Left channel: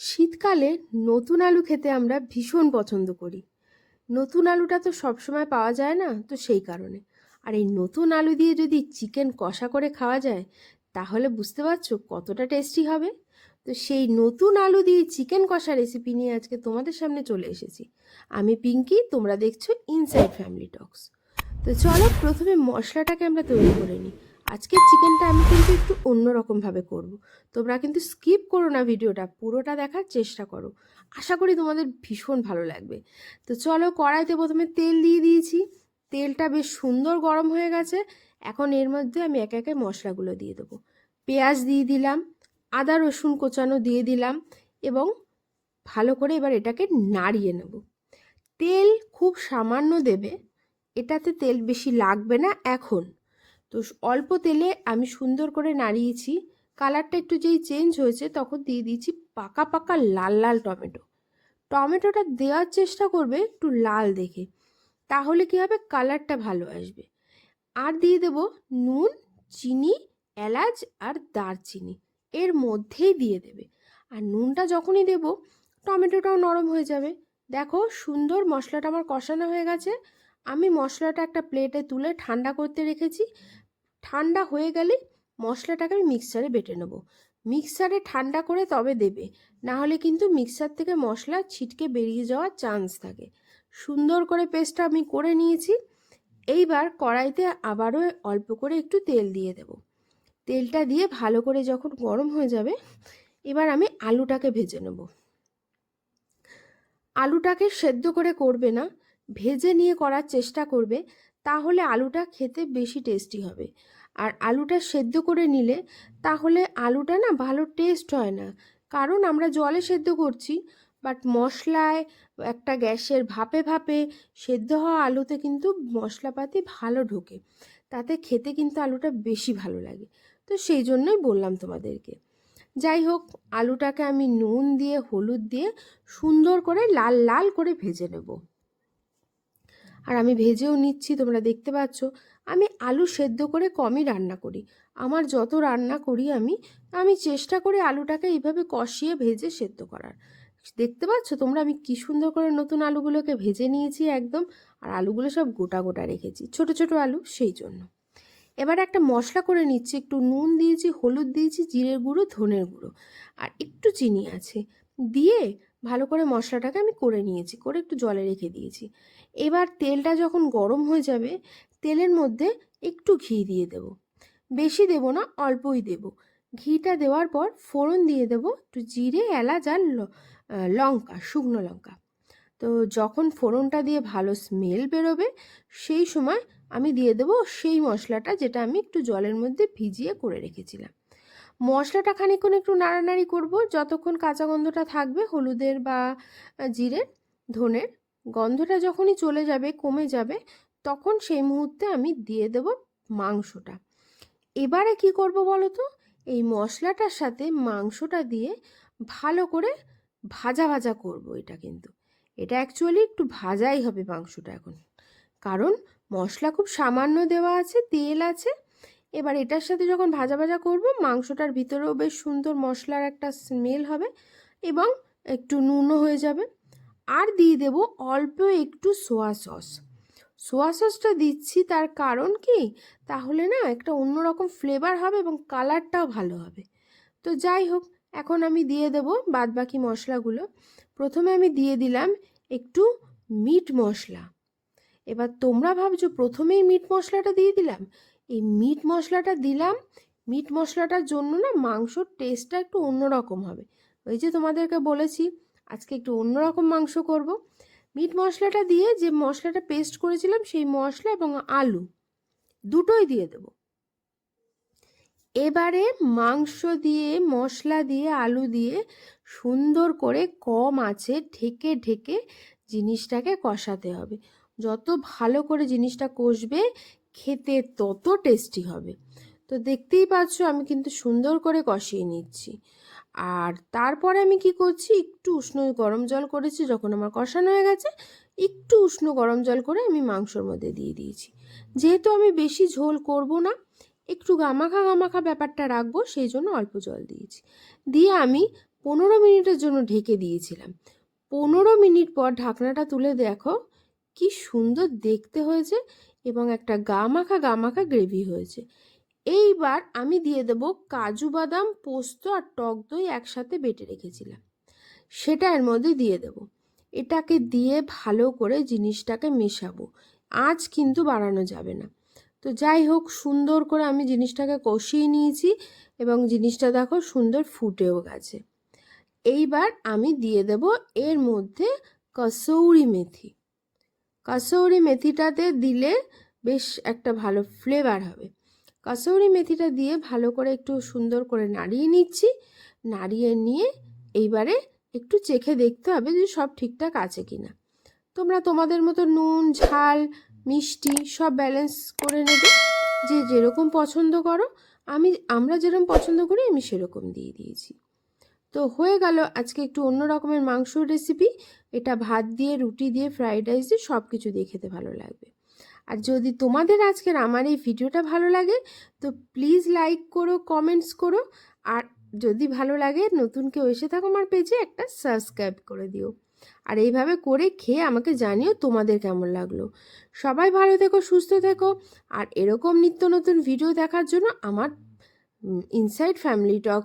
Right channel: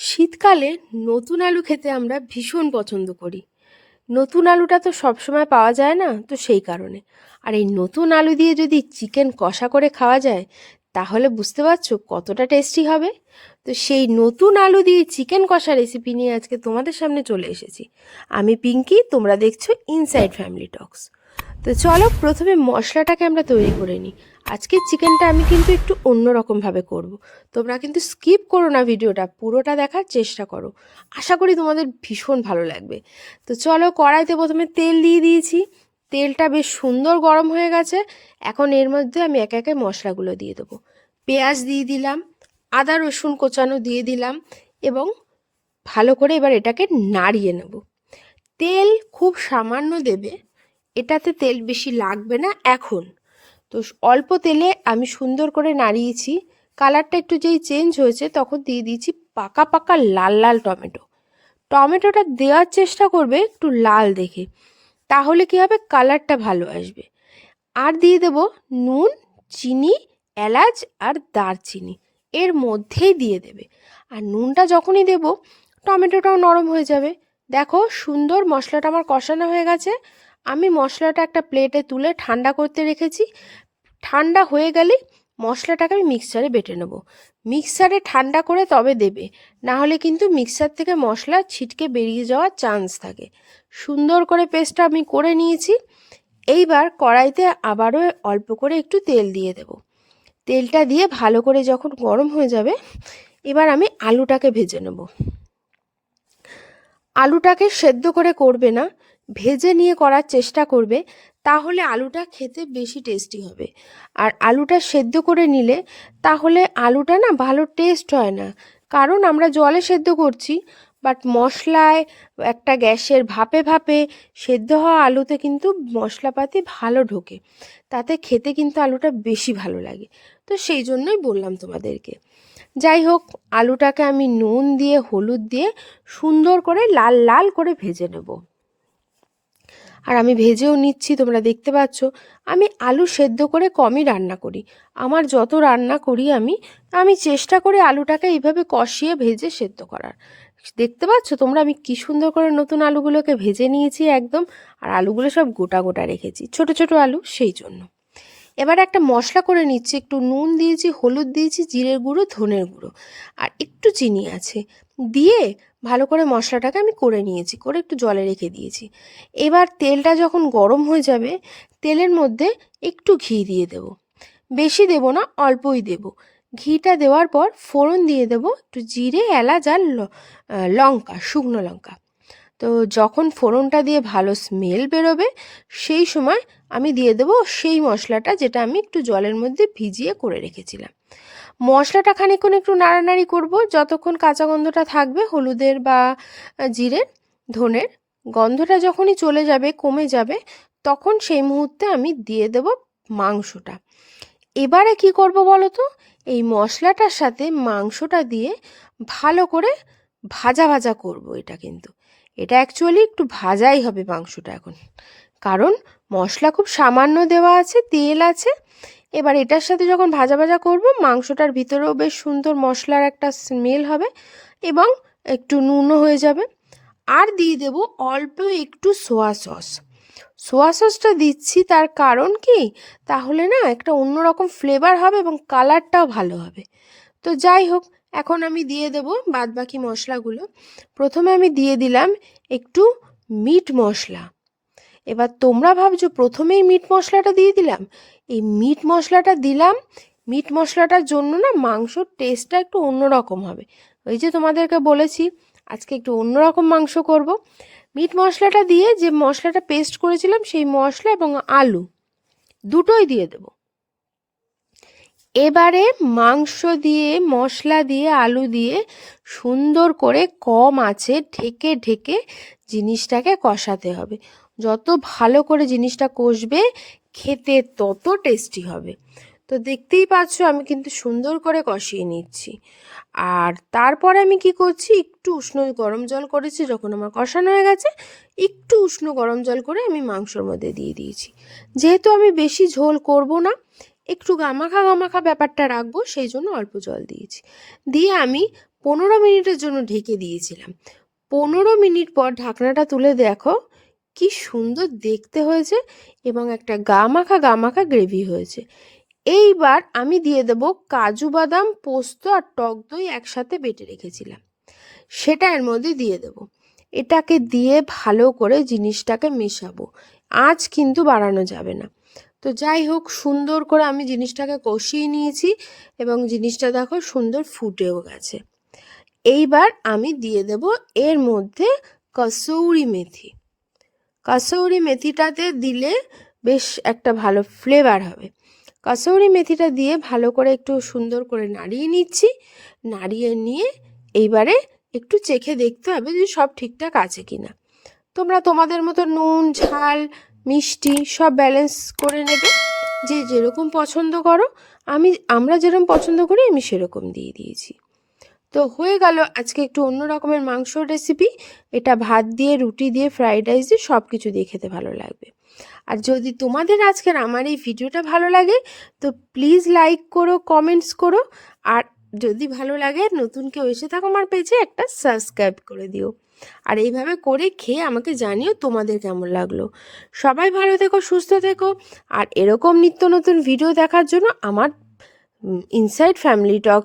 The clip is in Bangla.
শীতকালে নতুন আলু খেতে আমরা ভীষণ পছন্দ করি। নতুন আলুটা তো সবসময় পাওয়া যায় না, তো সেই কারণে। আর এই নতুন আলু দিয়ে যদি চিকেন কষা করে খাওয়া যায়, তাহলে বুঝতে পারছ কতটা টেস্টি হবে। তো সেই নতুন আলু দিয়ে চিকেন কষা রেসিপি নিয়ে আজকে তোমাদের সামনে চলে এসেছি। আমি পিঙ্কি, তোমরা দেখছ ইনসাইড ফ্যামিলি টক্স তো চলো প্রথমে মশলাটাকে আমরা তৈরি করে নিই। আজকের চিকেনটা আমি কিন্তু একটু অন্যরকমভাবে করব। তোমরা কিন্তু স্কিপ করো না ভিডিওটা, পুরোটা দেখার চেষ্টা করো। আশা করি তোমাদের ভীষণ ভালো লাগবে। তো চলো কড়াইতে প্রথমে তেল দিয়ে দিয়েছি। তেলটা বেশ সুন্দর গরম হয়ে গেছে। এখন এর মধ্যে আমি একে একে মশলাগুলো দিয়ে দেবো। পেঁয়াজ দিয়ে দিলাম, আদা রসুন কোচানো দিয়ে দিলাম এবং ভালো করে এবার এটাকে নাড়িয়ে নেব। তেল খুব সামান্য দেবে, এটাতে তেল বেশি লাগবে না এখন। তো অল্প তেলে আমি সুন্দর করে নাড়িয়েছি। কালারটা একটু যেই চেঞ্জ হয়েছে তখন দিয়ে দিয়েছি পাকা পাকা লাল লাল টমেটো। টমেটোটা দেওয়ার চেষ্টা করবে একটু লাল দেখে, তাহলে কী হবে কালারটা ভালো আসবে। আর দিয়ে দেব নুন, চিনি, এলাচ আর দারচিনি, এর মধ্যেই দিয়ে দেবে। আর নুনটা যখনই দেব টমেটোটাও নরম হয়ে যাবে। দেখো সুন্দর মশলাটা আমার কষানো হয়ে গেছে। আমি মশলাটা একটা প্লেটে তুলে ঠান্ডা করতে রেখেছি। ঠান্ডা হয়ে গেলে মশলাটাকে আমি মিক্সারে বেটে নেব। মিক্সারে ঠান্ডা করে তবে দেবে, না হলে কিন্তু মিক্সার থেকে মশলা ছিটকে বেরিয়ে যাওয়ার চান্স থাকে। সুন্দর করে পেস্টটা আমি করে নিয়েছি, এইবার কড়াইতে আবারও অল্প করে একটু তেল দিয়ে দেব। তেলটা দিয়ে ভালো করে যখন গরম হয়ে যাবে, এবার আমি আলুটাকে ভেজে নেব। আলুটাকে সেদ্ধ করে করবে না ভেজে নিয়ে করার চেষ্টা করবে, তাহলে আলুটা খেতে বেশি টেস্টি হবে। আর আলুটা সেদ্ধ করে নিলে, তাহলে আলুটা না ভালো টেস্ট হয় না। কারণ আমরা জলে সেদ্ধ করছি বাট মশলায় একটা গ্যাসের ভাপে ভাপে সেদ্ধ হওয়া আলুতে কিন্তু মশলাপাতি ভালো ঢোকে। তাতে খেতে কিন্তু আলুটা বেশি ভালো লাগে। তো সেই জন্যই বললাম তোমাদেরকে। যাই হোক, আলুটাকে আমি নুন দিয়ে, হলুদ দিয়ে সুন্দর করে লাল লাল করে ভেজে নেব। আর আমি ভেজেও নিচ্ছি, তোমরা দেখতে পাচ্ছ। আমি আলু সেদ্ধ করে কমই রান্না করি। আমার যত রান্না করি আমি আমি চেষ্টা করি আলুটাকে এইভাবে কষিয়ে ভেজে সেদ্ধ করার। দেখতে পাচ্ছ তোমরা আমি কী সুন্দর করে নতুন আলুগুলোকে ভেজে নিয়েছি একদম, আর আলুগুলো সব গোটা গোটা রেখেছি, ছোট ছোট আলু সেই জন্য। এবার একটা মশলা করে নিচ্ছি, একটু নুন দিয়েছি, হলুদ দিয়েছি, জিরের গুঁড়ো, ধনের গুঁড়ো, আর একটু চিনি আছে। দিয়ে ভালো করে মশলাটাকে আমি করে নিয়েছি, করে একটু জলে রেখে দিয়েছি। এবার তেলটা যখন গরম হয়ে যাবে, তেলের মধ্যে একটু ঘি দিয়ে দেব। বেশি দেব না, অল্পই দেব। ঘিটা দেওয়ার পর ফোড়ন দিয়ে দেব একটু জিরে, এলাচ আর লঙ্কা, শুকনো লঙ্কা। তো যখন ফোড়নটা দিয়ে ভালো স্মেল বেরোবে, সেই সময় আমি দিয়ে দেবো সেই মশলাটা যেটা আমি একটু জলের মধ্যে ভিজিয়ে করে রেখেছিলাম। মশলাটা খানিকক্ষণ একটু নাড়ানাড়ি করব। যতক্ষণ কাঁচা গন্ধটা থাকবে, হলুদের বা জিরের, ধনের গন্ধটা যখনই চলে যাবে, কমে যাবে, তখন সেই মুহূর্তে আমি দিয়ে দেব মাংসটা। এবারে কি করব বলো তো এই মশলাটার সাথে মাংসটা দিয়ে ভালো করে ভাজা ভাজা করব এটা কিন্তু। এটা অ্যাকচুয়ালি একটু ভাজাই হবে মাংসটা এখন। কারণ মশলা খুব সামান্য দেওয়া আছে, তেল আছে এবার এটার সাথে যখন ভাজা ভাজা করব, মাংসটার ভিতরেও বেশ সুন্দর মশলার একটা স্মেল হবে এবং একটু নুনও হয়ে যাবে। আর দিয়ে দেব অল্প একটু সোয়া সস সোয়া সসটা দিচ্ছি তার কারণ কি? তাহলে না একটা অন্যরকম ফ্লেভার হবে এবং কালারটাও ভালো হবে। তো যাই হোক, এখন আমি দিয়ে দেব বাদবাকি মশলাগুলো। প্রথমে আমি দিয়ে দিলাম একটু মিট মশলা। এবার তোমরা ভাবছ প্রথমেই মিট মশলাটা দিয়ে দিলাম? এই মিট মশলাটা দিলাম। মিট মশলাটার জন্য না মাংসর টেস্টটা একটু অন্যরকম হবে। ওই যে তোমাদেরকে বলেছি, আজকে একটু অন্যরকম মাংস করব। মিট মশলাটা দিয়ে যে মশলাটা পেস্ট করেছিলাম সেই মশলা এবং আলু দুটোই দিয়ে দেব। এবারে মাংস দিয়ে, মশলা দিয়ে, আলু দিয়ে সুন্দর করে কম আছে ঢেকে ঢেকে জিনিসটাকে কষাতে হবে। যত ভালো করে জিনিসটা কষবে খেতে তত টেস্টি হবে। তো দেখতেই পাচ্ছ আমি কিন্তু সুন্দর করে কষিয়ে নিচ্ছি। আর তারপরে আমি কি করছি, একটু উষ্ণ গরম জল করেছি, যখন আমার কষানো হয়ে গেছে, একটু উষ্ণ গরম জল করে আমি মাংসর মধ্যে দিয়ে দিয়েছি। যেহেতু আমি বেশি ঝোল করব না, একটু গামাখা গামাখা ব্যাপারটা রাখব, সেই জন্য অল্প জল দিয়েছি। দিয়ে আমি পনেরো মিনিটের জন্য ঢেকে দিয়েছিলাম। পনেরো মিনিট পর ঢাকনাটা তুলে দেখো কি সুন্দর দেখতে হয়েছে এবং একটা গা মাখা গা মাখা গ্রেভি হয়েছে। এইবার আমি দিয়ে দেবো কাজু বাদাম, পোস্ত আর টক দই একসাথে বেটে রেখেছিলাম। সেটা এর মধ্যে দিয়ে দেবো। এটাকে দিয়ে ভালো করে জিনিসটাকে মেশাবো। আঁচ কিন্তু বাড়ানো যাবে না। তো যাই হোক, সুন্দর করে আমি জিনিসটাকে কষিয়ে নিয়েছি এবং জিনিসটা দেখো সুন্দর ফুটেও গেছে। এইবার আমি দিয়ে দেব এর মধ্যে কসৌরি মেথি। কসৌরি মেথিটাতে দিলে বেশ একটা ভালো ফ্লেভার হবে। কসৌরি মেথিটা দিয়ে ভালো করে একটু সুন্দর করে নাড়িয়ে নিচ্ছি। নাড়িয়ে নিয়ে এইবারে একটু চেখে দেখতে হবে যে সব ঠিকঠাক আছে কি না তোমরা তোমাদের মতো নুন, ঝাল, মিষ্টি সব ব্যালেন্স করে নেবে। যে যেরকম পছন্দ করো, আমি, আমরা যেরকম পছন্দ করি, আমি সেরকম দিয়ে দিয়েছি। তো হয়ে গেল আজকে একটু অন্য রকমের মাংসর রেসিপি এটা ভাত দিয়ে, রুটি দিয়ে ফ্রাইড রাইস দিয়ে সব কিছু দিয়ে খেতে ভালো লাগবে। আর যদি তোমাদের আজকের আমার এই ভিডিওটা ভালো লাগে, তো প্লিজ লাইক করো কমেন্টস করো। আর যদি ভালো লাগে, নতুন কেউ এসে থাকো আমার পেজে একটা সাবস্ক্রাইব করে দিও। আর এইভাবে করে খেয়ে আমাকে জানিও তোমাদের কেমন লাগল। সবাই ভালো থেকো, সুস্থ থেকো। আর এরকম নিত্য নতুন ভিডিও দেখার জন্য আমার ইনসাইড ফ্যামিলি টক